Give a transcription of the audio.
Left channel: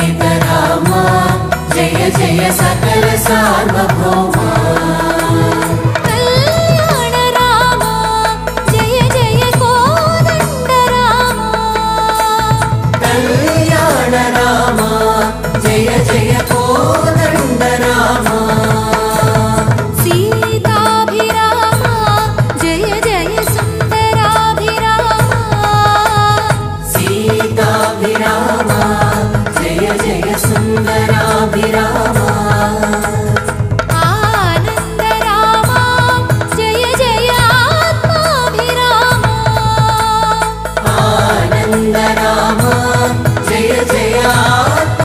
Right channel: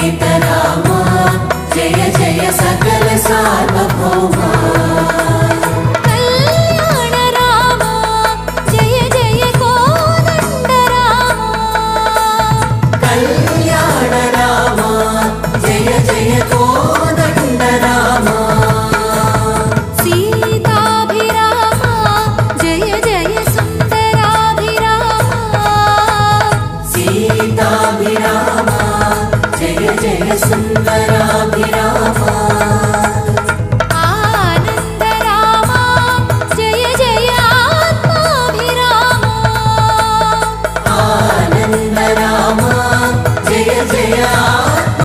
सीतारामा जय जय सकल सार्वभौमा कल्याण रामा जय जय कोदंड रामा कल्याण रामा जय जय कोदंड रामा सीताभिरामा जय जय सुंदराभिरामा सीताभिरामा जय जय सुंदराभिरामा